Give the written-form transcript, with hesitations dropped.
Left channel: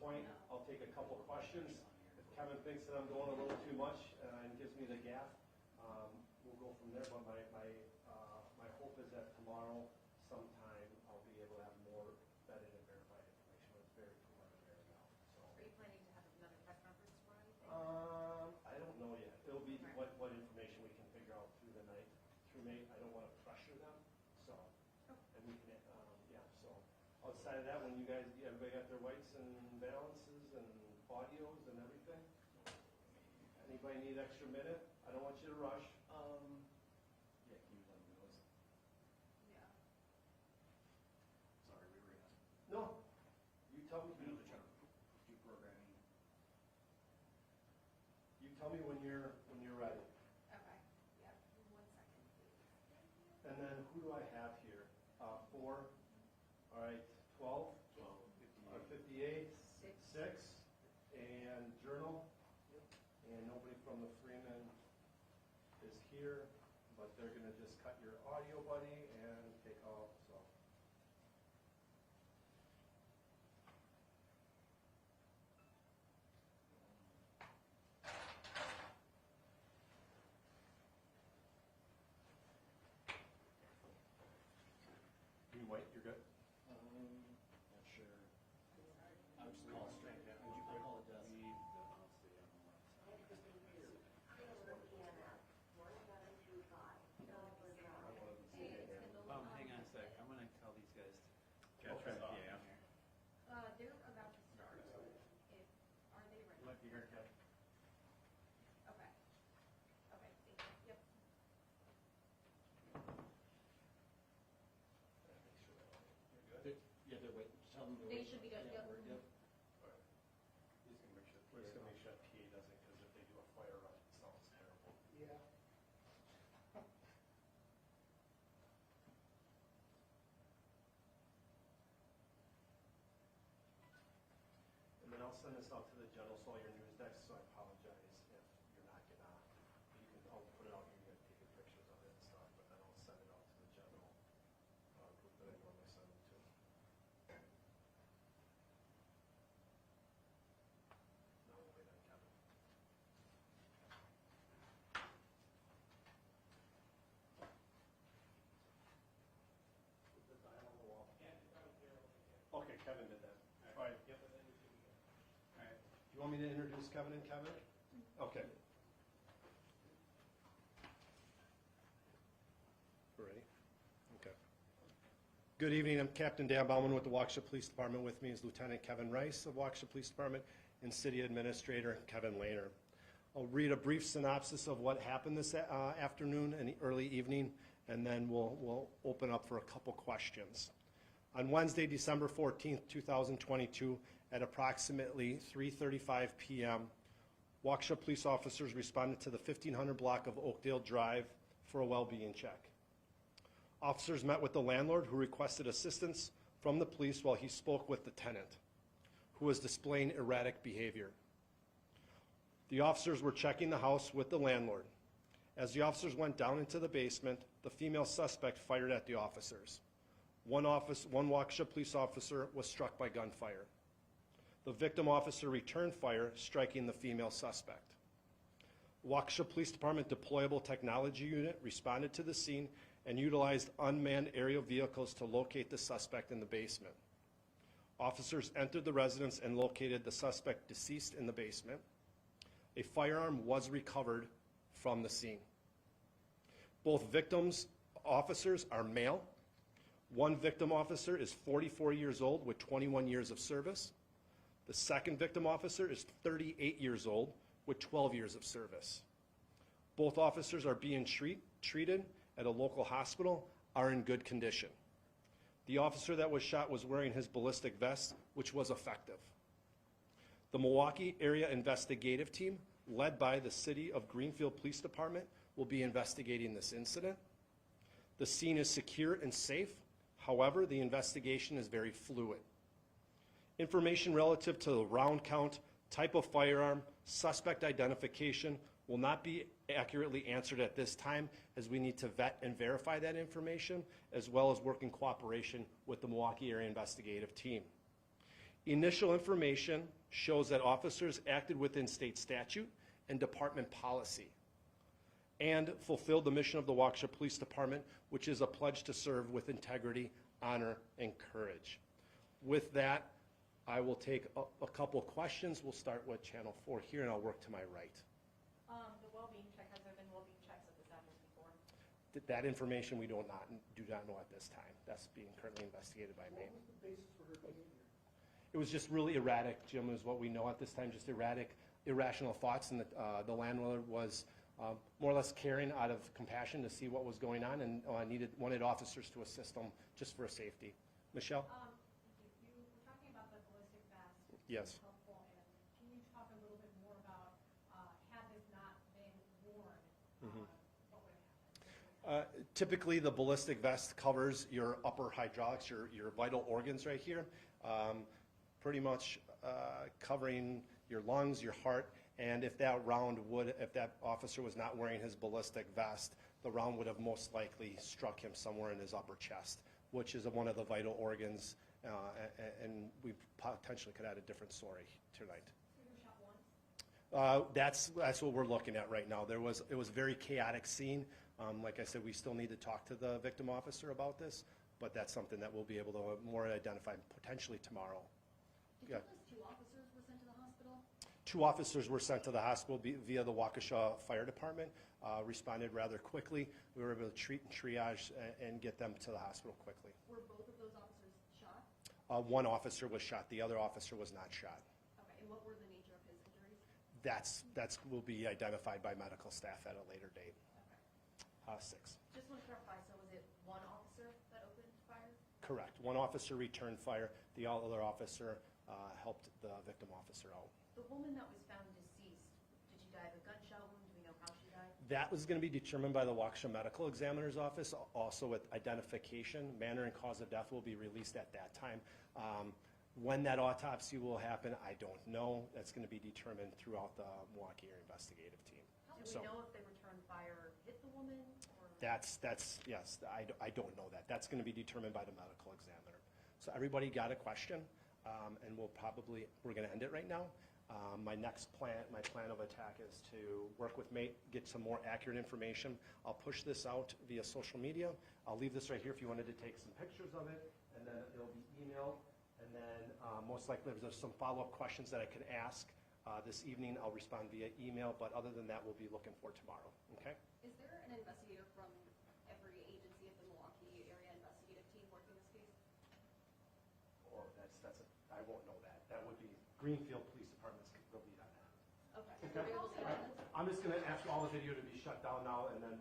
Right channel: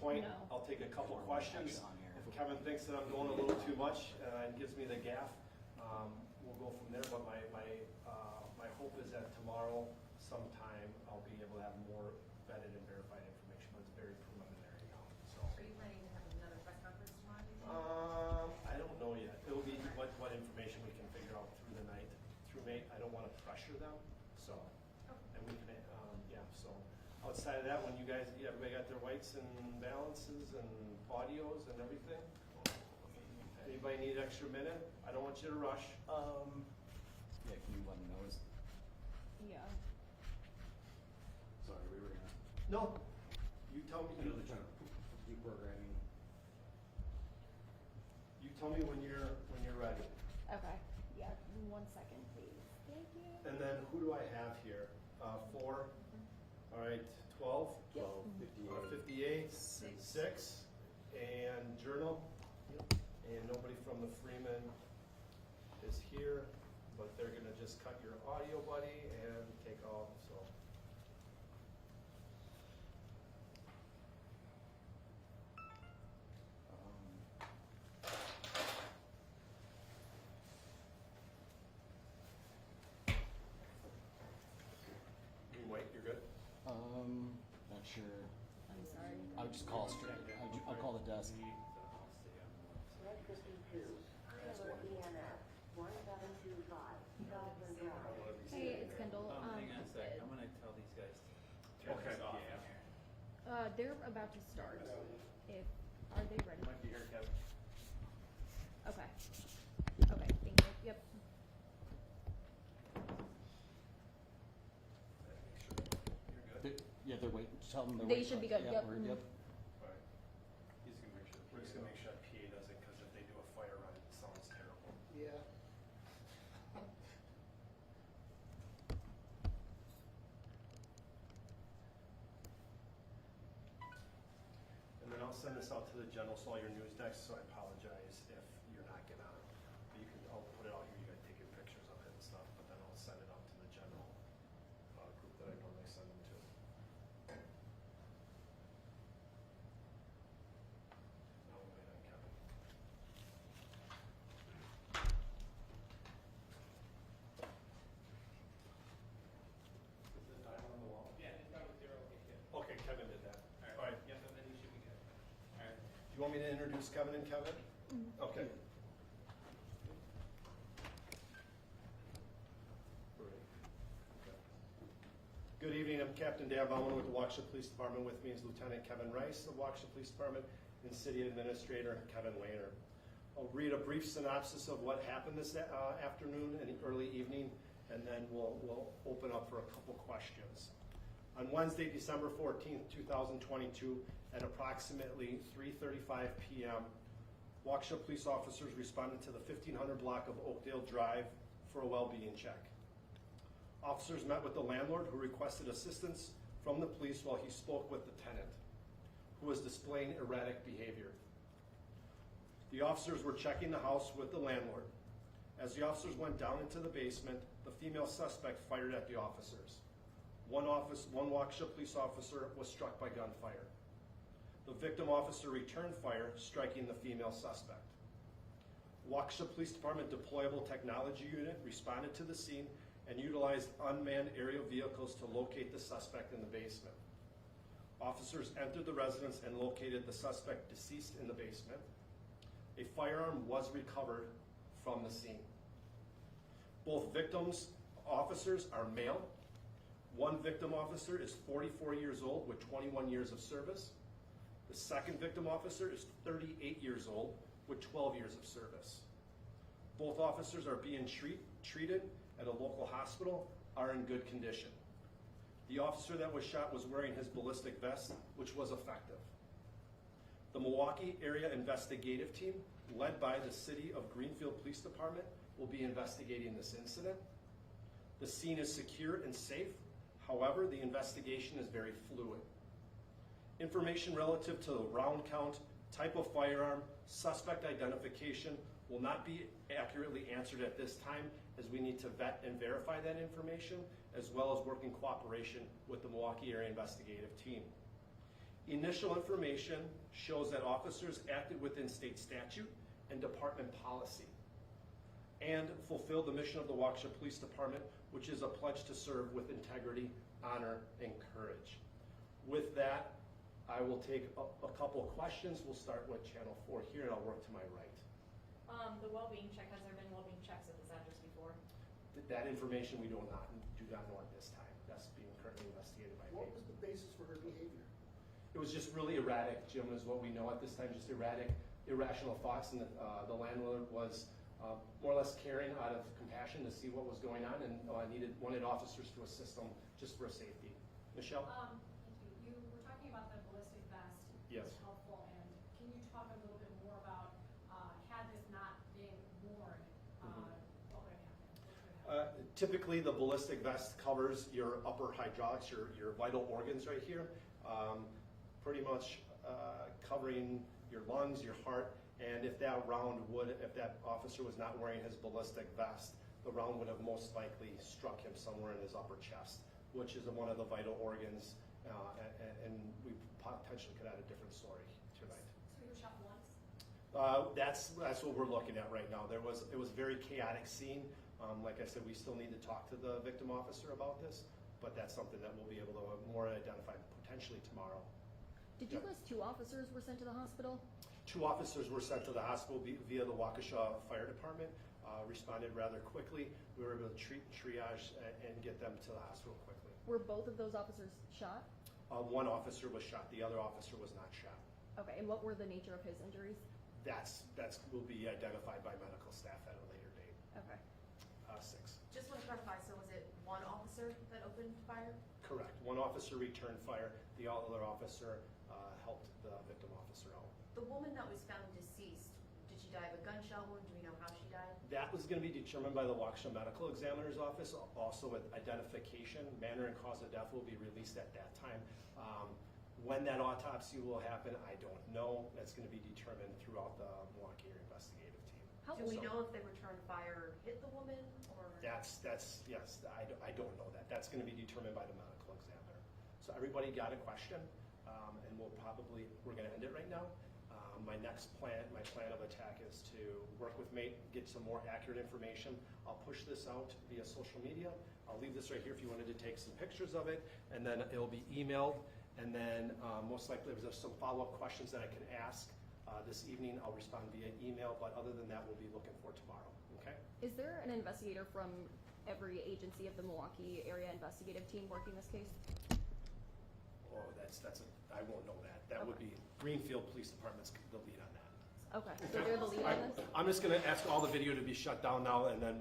point, No. I'll take a couple of questions. If Kevin thinks that I'm going a little too much and gives me the gaff, we'll go from there. But my hope is that tomorrow sometime I'll be able to have more vetted and verified information, but it's very preliminary now. So. Are you planning to have another press conference tomorrow, do you think? I don't know yet. It'll be what information we can figure out through the night. Through May, I don't want to pressure them, so, and we can, so. Outside of that, when you guys, everybody got their whites and balances and audios and everything? Anybody need an extra minute? I don't want you to rush. Yeah, can you let me know? Yeah. Sorry, we were gonna. No, you tell me. I know they're trying to do programming. You tell me when you're ready. Okay. Yeah. 1 second, please. Thank you. And then who do I have here? 4. All right, 12. 12, 58. 58. 6. And journal. And nobody from the Freeman is here, but they're gonna just cut your audio, buddy, and take off, so. You wait, you're good? Not sure. I'm sorry. I'll just call straight. I'll call the desk. Hey, it's Kendall. Hang on a sec, I'm gonna tell these guys to turn Okay. this off in here. They're about to start. Are they ready? Might be here, Kevin. Okay. Okay. Thank you. Yep. You're good? They're waiting. Tell them they're They waiting. should be good, Yeah, yep. we're- Yep. Alright. He's gonna make sure. We're just gonna make sure that PA does it, because if they do a fire run, it sounds terrible. Yeah. And then I'll send this out to the general, so all your news decks, so I apologize if you're not getting on. But I'll put it out here, you guys taking pictures of it and stuff, but then I'll send it out to the general group that I normally send them to. Now we'll wait on Kevin. Is the dial on the wall? Yeah, it's got a 0, okay, good. Okay, Kevin did that. All right. Yep, and then you should be good. Alright. Do you want me to introduce Kevin and Kevin? Okay. Ready? Okay. Good evening, I'm Captain Dan Bauman with the Waukesha Police Department. With me is Lieutenant Kevin Rice of Waukesha Police Department and City Administrator Kevin Lehner. I'll read a brief synopsis of what happened this afternoon and early evening, and then we'll open up for a couple questions. On Wednesday, December 14th, 2022, at approximately 3:35 p.m., Waukesha police officers responded to the 1500 block of Oakdale Drive for a well-being check. Officers met with the landlord, who requested assistance from the police while he spoke with the tenant, who was displaying erratic behavior. The officers were checking the house with the landlord. As the officers went down into the basement, the female suspect fired at the officers. One Waukesha police officer was struck by gunfire. The victim officer returned fire, striking the female suspect. Waukesha Police Department deployable technology unit responded to the scene and utilized unmanned aerial vehicles to locate the suspect in the basement. Officers entered the residence and located the suspect deceased in the basement. A firearm was recovered from the scene. Both victims' officers are male. One victim officer is 44 years old with 21 years of service. The second victim officer is 38 years old with 12 years of service. Both officers are being treated at a local hospital, are in good condition. The officer that was shot was wearing his ballistic vest, which was effective. The Milwaukee Area Investigative Team, led by the City of Greenfield Police Department, will be investigating this incident. The scene is secure and safe. However, the investigation is very fluid. Information relative to the round count, type of firearm, suspect identification will not be accurately answered at this time, as we need to vet and verify that information, as well as work in cooperation with the Milwaukee Area Investigative Team. Initial information shows that officers acted within state statute and department policy and fulfilled the mission of the Waukesha Police Department, which is a pledge to serve with integrity, honor, and courage. With that, I will take a couple questions. We'll start with Channel 4 here, and I'll work to my right. The well-being check, has there been well-being checks at the centers before? That information we do not know at this time. That's being currently investigated by me. What was the basis for her behavior? It was just really erratic, Jim, is what we know at this time, just erratic, irrational thoughts, and the landlord was more or less caring out of compassion to see what was going on and wanted officers to assist them just for safety. Michelle? Thank you. You were talking about the ballistic vest. Yes. Helpful, and can you talk a little bit more about, had this not been worn, what would have happened? Typically, the ballistic vest covers your upper hydraulics, your vital organs right here, pretty much covering your lungs, your heart, and if that officer was not wearing his ballistic vest, the round would have most likely struck him somewhere in his upper chest, which is one of the vital organs, and we potentially could add a different story tonight. So you were shot once? That's what we're looking at right now. It was a very chaotic scene. Like I said, we still need to talk to the victim officer about this, but that's something that we'll be able to more identify potentially tomorrow. Did you list 2 officers were sent to the hospital? 2 officers were sent to the hospital via the Waukesha Fire Department, responded rather quickly. We were able to triage and get them to the hospital quickly. Were both of those officers shot? One officer was shot, the other officer was not shot. Okay, and what were the nature of his injuries? That's will be identified by medical staff at a later date. Okay. 6. Just want to clarify, so was it one officer that opened fire? Correct. One officer returned fire. The other officer helped the victim officer out. The woman that was found deceased, did she die of a gunshot wound? Do we know how she died? That was going to be determined by the Waukesha Medical Examiner's Office. Also with identification, manner and cause of death will be released at that time. When that autopsy will happen, I don't know. That's going to be determined throughout the Milwaukee area investigative team. Do we know if the return fire hit the woman or? That's yes. I don't know that. That's going to be determined by the medical examiner. So everybody got a question, and we're going to end it right now. My plan of attack is to work with Mate, get some more accurate information. I'll push this out via social media. I'll leave this right here if you wanted to take some pictures of it, and then it'll be emailed. And then most likely if there's some follow-up questions that I can ask this evening, I'll respond via email. But other than that, we'll be looking for tomorrow. Okay? Is there an investigator from every agency of the Milwaukee area investigative team working this case? Oh, I won't know that. That would be Greenfield Police Department's the lead on that. Okay, so they're the lead on this? I'm just going to ask all the video to be shut down now, and then